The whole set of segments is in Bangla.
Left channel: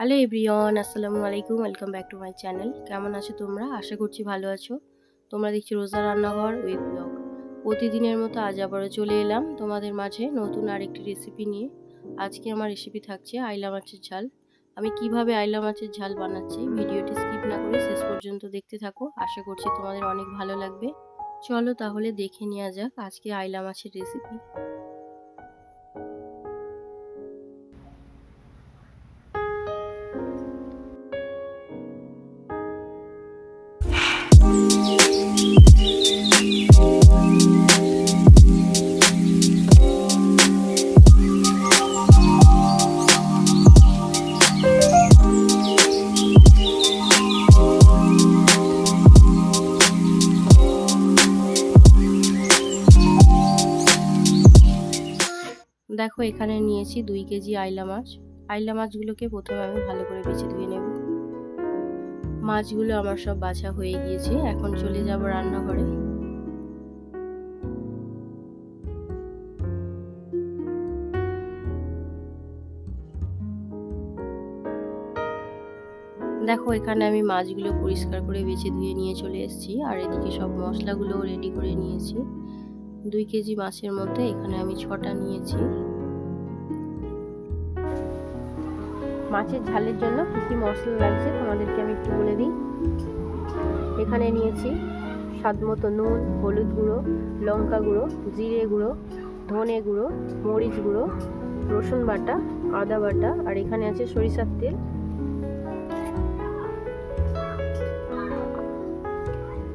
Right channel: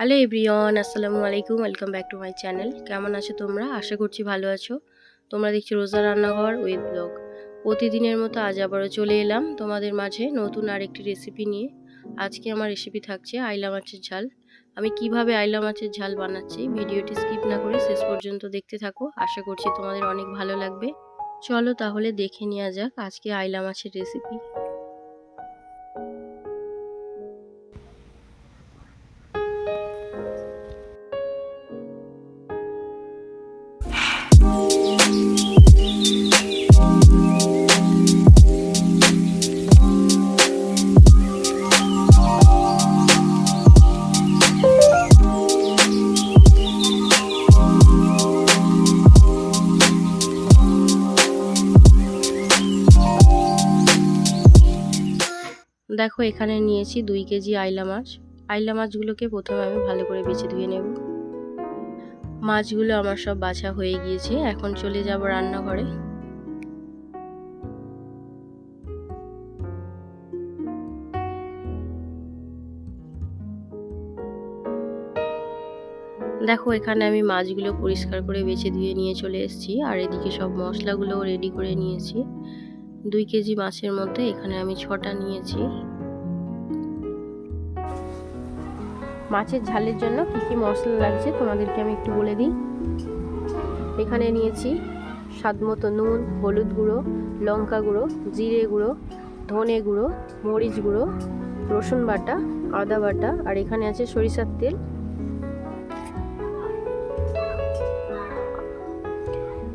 হ্যালো এভরিওয়ান, আসসালামু আলাইকুম, welcome back to my channel. কেমন আছো তোমরা? আশা করছি ভালো আছো। তোমরা দেখছি রোজা রান্নাঘর উইথ ব্লগ। প্রতিদিনের মতো আজ আবারও চলে এলাম তোমাদের মাঝে নতুন আরেকটি রেসিপি নিয়ে। আজকে আমার রেসিপি থাকছে আইলা মাছের ঝাল। আমি কীভাবে আইলা মাছের ঝাল বানাচ্ছি ভিডিওটি স্কিপ না করে শেষ পর্যন্ত দেখতে থাকো। আশা করছি তোমাদের অনেক ভালো লাগবে। চলো তাহলে দেখে নেওয়া যাক আজকে আইলা মাছের রেসিপি। দেখো এখানে নিয়েছি দুই কেজি আইলা মাছ। আইলা মাছগুলোকে প্রথমে আমি ভালো করে বেছে ধুয়ে নেব। মাছগুলো আমার সব বাছা হয়ে গিয়েছে। এখন চলে যাব রান্নাঘরে। দেখো, এখানে আমি মাছগুলো পরিষ্কার করে বেছে ধুয়ে নিয়ে চলে এসেছি। আর এদিকে সব মশলাগুলোও রেডি করে নিয়েছি। দুই কেজি মাছের মধ্যে এখানে আমি ছটা নিয়েছি। মাছের ঝালের জন্য কী কী মশলা লাগছে তোমাদেরকে আমি একটু বলে দিই। এখানে নিয়েছি স্বাদ মতো নুন, হলুদ গুঁড়ো, লঙ্কা গুঁড়ো, জিরে গুঁড়ো, ধনে গুঁড়ো, মরিচ গুঁড়ো, রসুন বাটা, আদা বাটা, আর এখানে আছে সরিষার তেল।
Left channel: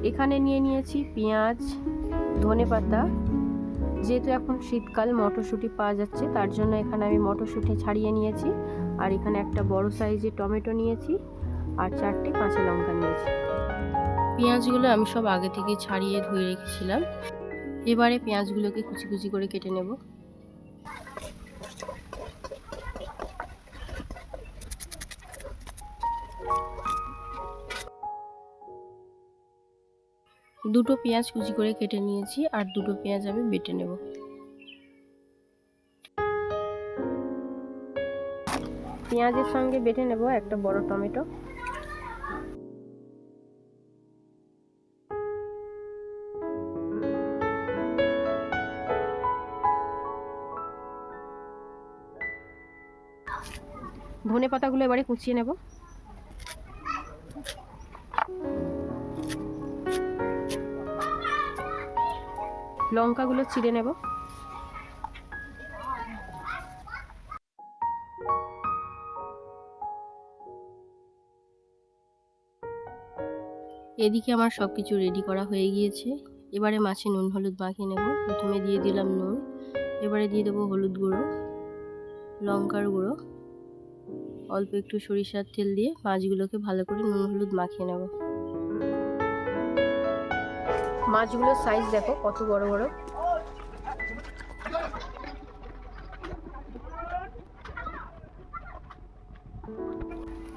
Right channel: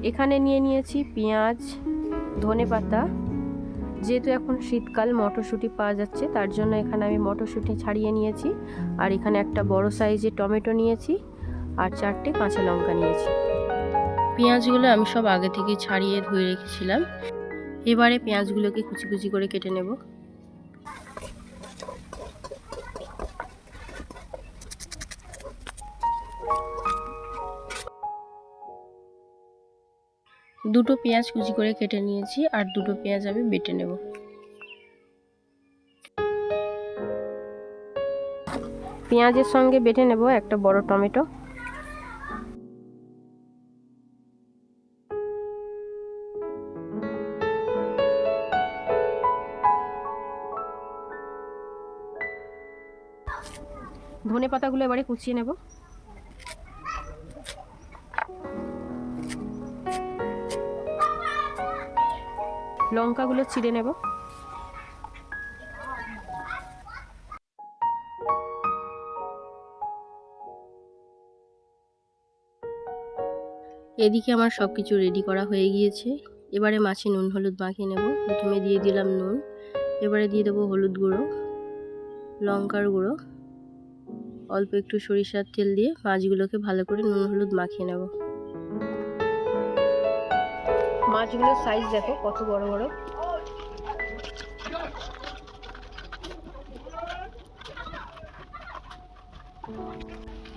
এখানে নিয়ে নিয়েছি পেঁয়াজ, ধনে পাতা যেহেতু এখন শীতকাল, মটরশুঁটি পাওয়া যাচ্ছে, তার জন্য এখানে আমি মটরশুঁটি ছাড়িয়ে নিয়েছি। আর এখানে একটা বড় সাইজের টমেটো নিয়েছি আর চারটে কাঁচা লঙ্কা নিয়েছি। পেঁয়াজগুলো আমি সব আগে থেকে ছাড়িয়ে ধুয়ে রেখেছিলাম। এবারে পেঁয়াজগুলোকে কুচি কুচি করে কেটে নেব। দুটো পেঁয়াজ কুচি করে কেটে নিয়েছি আর দুটো পেঁয়াজ আমি বেটে নেব। পেঁয়াজের সঙ্গে বেটে নেব একটা বড় টমেটো। ধনে পাতাগুলো এবারে কুচিয়ে নেব। লঙ্কাগুলো চিড়ে নেব। এদিকে আমার সব কিছু রেডি করা হয়ে গিয়েছে। এবারে মাছে নুন, হলুদ মাখিয়ে নেব। প্রথমে দিয়ে দিলাম নুন। এবারে দিয়ে দেবো হলুদ গুঁড়ো, লঙ্কার গুঁড়ো। অল্প একটু সরিষার তেল দিয়ে মাছগুলোকে ভালো করে নুন, হলুদ মাখিয়ে নেব। মাছগুলোর সাইজ দেখো, কত বড় বড়।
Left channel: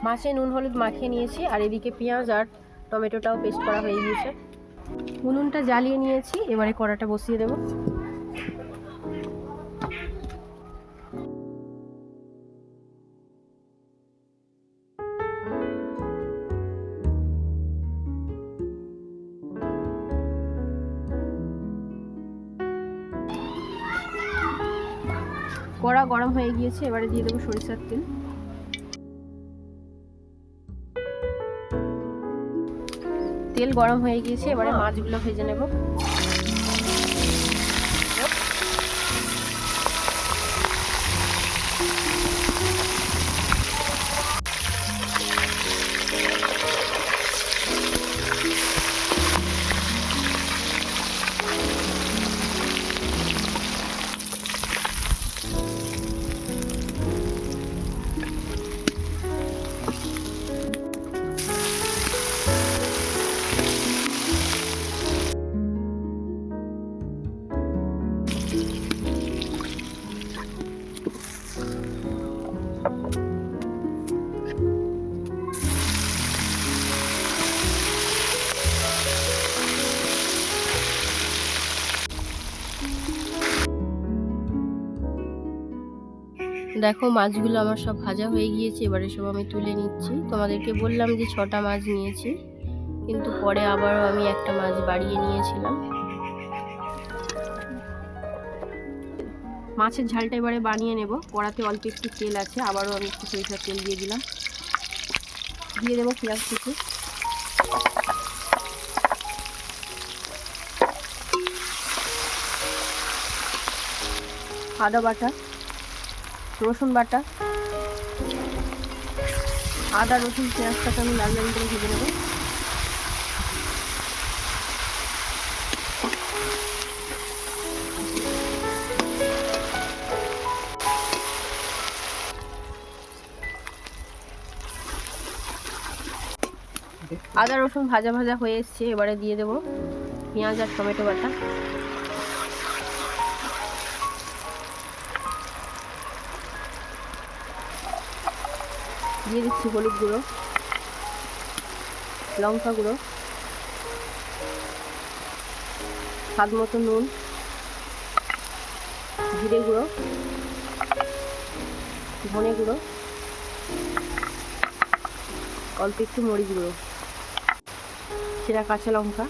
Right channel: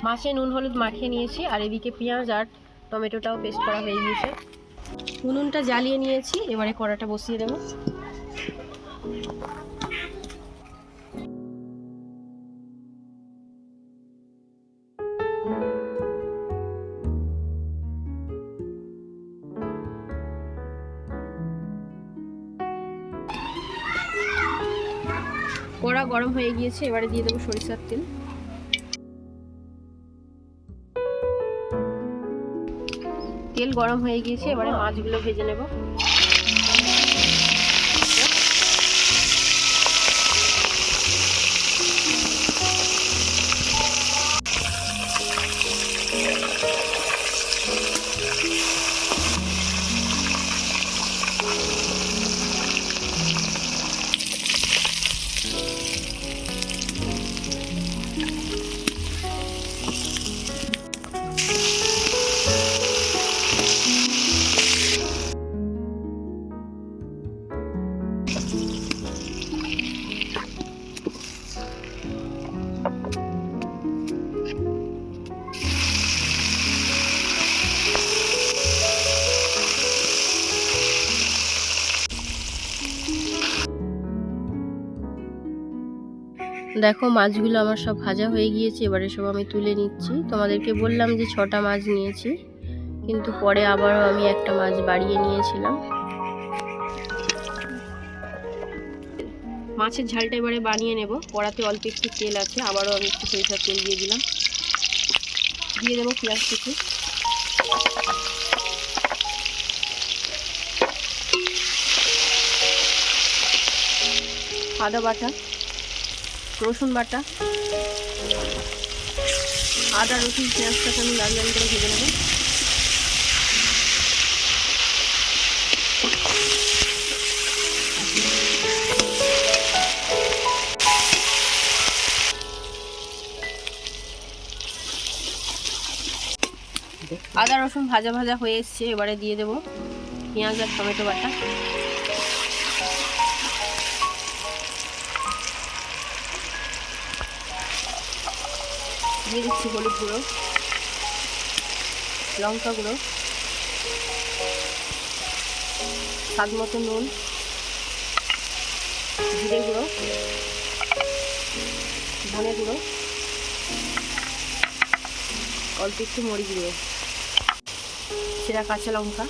মাছে নুন, হলুদ মাখিয়ে নিয়েছি, আর এদিকে পেঁয়াজ আর টমেটোটাও পেস্ট করা হয়ে গিয়েছে। উনুনটা জ্বালিয়ে নিয়েছি, এবারে কড়াটা বসিয়ে দেবো। কড়া গরম হয়ে গিয়েছে এবারে দিয়ে দেবো সরিষার তেল। তেল গরম হয়ে গিয়েছে এবারে মাছগুলো ভেজে নেব। দেখো মাছগুলো আমার সব ভাজা হয়ে গিয়েছে, এবারে সব আমি তুলে নিচ্ছি। তোমাদেরকে বললাম যে ছটা মাছ নিয়েছি, কিন্তু পরে আবারও আমি একটা মাছ বাড়িয়ে নিয়েছিলাম। মাছের ঝালটা এবারে বানিয়ে নেব। কড়াতে অল্প একটু তেল আছে, আবারও আমি একটু সরিষার তেল দিয়ে দিলাম। দিয়ে দেবো পেঁয়াজ কিছু আদা বাটা। রসুন বাটা। আদা, রসুন, পেঁয়াজটা কোনো লাল করে ভেজে নেব। আদা, রসুন ভাজা ভাজা হয়ে এসছে, এবারে দিয়ে দেবো পেঁয়াজ আর টমেটো বাটা। দিয়ে দিচ্ছি হলুদ গুঁড়ো, লঙ্কা গুঁড়ো, স্বাদ মতো নুন, জিরে গুঁড়ো, ধনে গুঁড়ো, অল্প একটু মরিচ গুঁড়ো, সেরা কাঁচা লঙ্কা।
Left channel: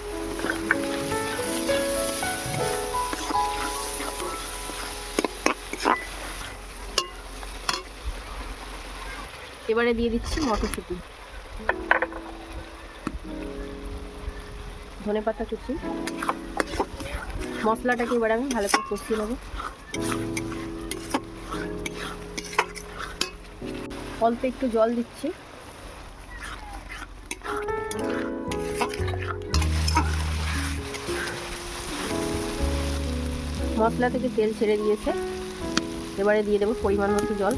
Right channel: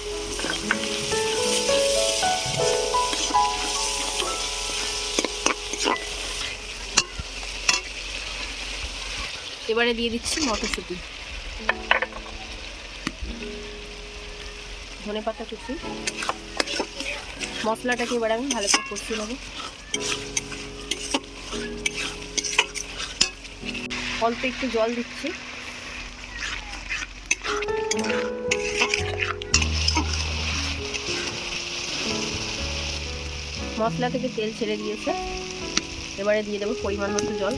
এবারে দিয়ে দিচ্ছি মটরশুঁটি। ধনে পাতা কুচি। মশলাটাকে এবার আমি ভালো করে কষিয়ে নেব। অল্প একটু জল দিচ্ছি। মশলা থেকে তেল ছেড়ে দিয়েছে। এবারে দিয়ে দেবো পরিমাণ মতো জল।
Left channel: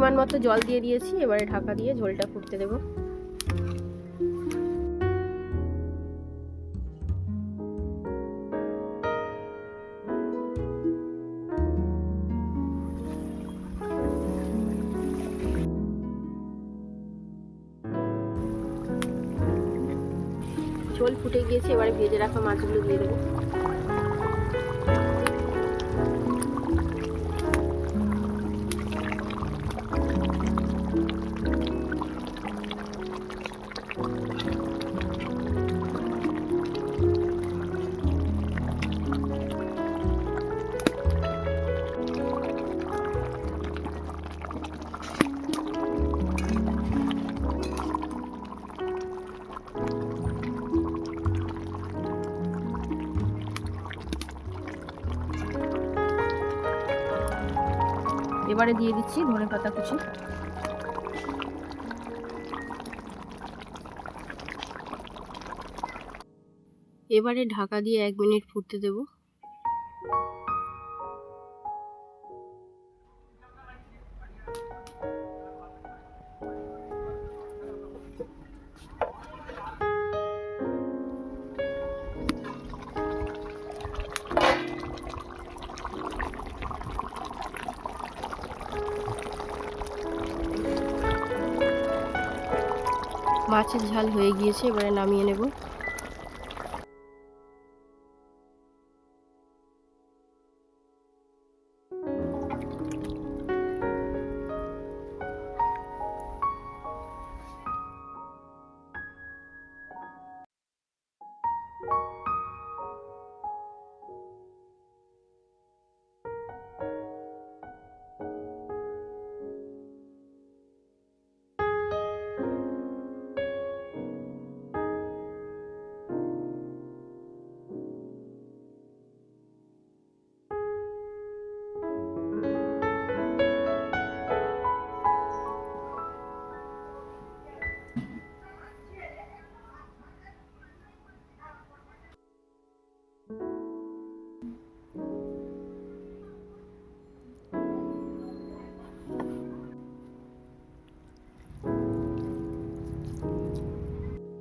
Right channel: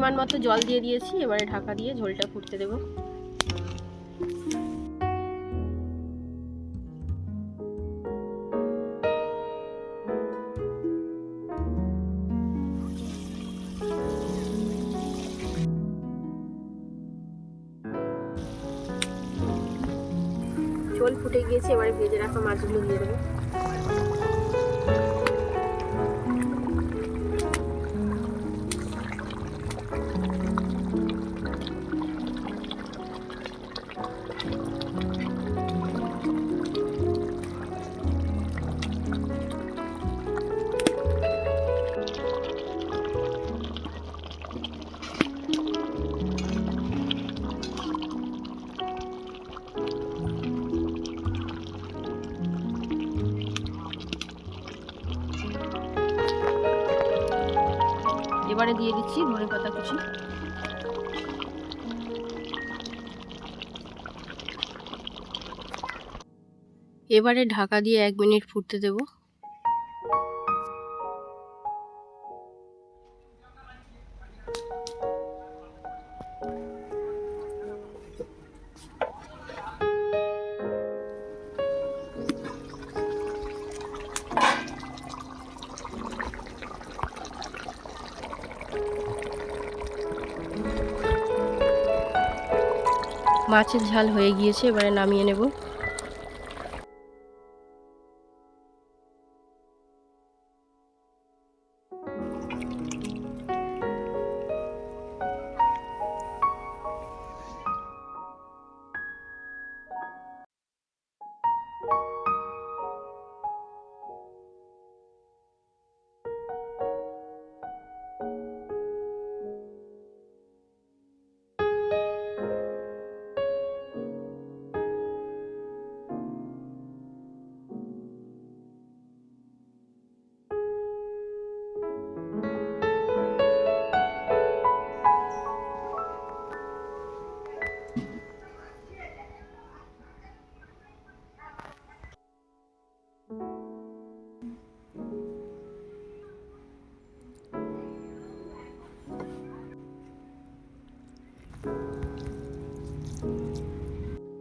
পরিমাণ মতো জল দিয়ে দিয়েছি, এবারে ঢাকা দিয়ে ঝোলটা ফুটতে দেবো। ঝোল ফুটে গিয়েছে, এবারে ভেজে রাখা মাছগুলো দিয়ে দেবো। এবারে দিয়ে দিচ্ছি ধনে পাতা কুচি। এবারে ঢাকা দিয়ে এক মিনিট ফুটতে দেব। মাছের ঝাল হয়ে গিয়েছে এবারে নামিয়ে নেব।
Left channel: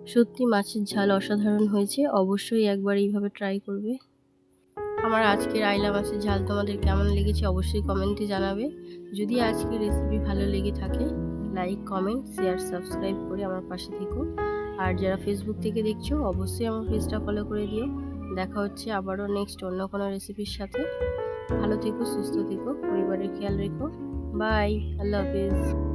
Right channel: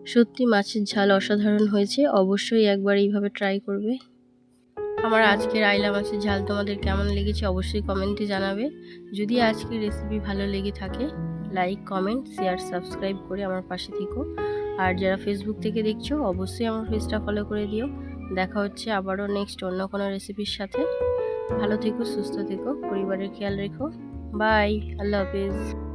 সত্যি মাছের ঝাল অসাধারণ হয়েছে, অবশ্যই একবার এইভাবে ট্রাই করবে। আমার আজকের আইলা মাছের ঝাল তোমাদের কেমন লেগেছে অবশ্যই কমেন্টে জানাবে। যদি আজকের রেসিপি ভালো লেগে থাকে লাইক কমেন্ট শেয়ার সাবস্ক্রাইব করে আমার পাশে থেকো। আর যারা ফেসবুক থেকে দেখছ, অবশ্যই আমার পেজটা ফলো করে দিও। দেখা হচ্ছে আবারও নেক্সট অন্য কোনো রেসিপির সাথে। ভালো থেকো, সুস্থ থেকো, পরিবারের খেয়াল রেখো। বাই আল্লাহ হাফিজ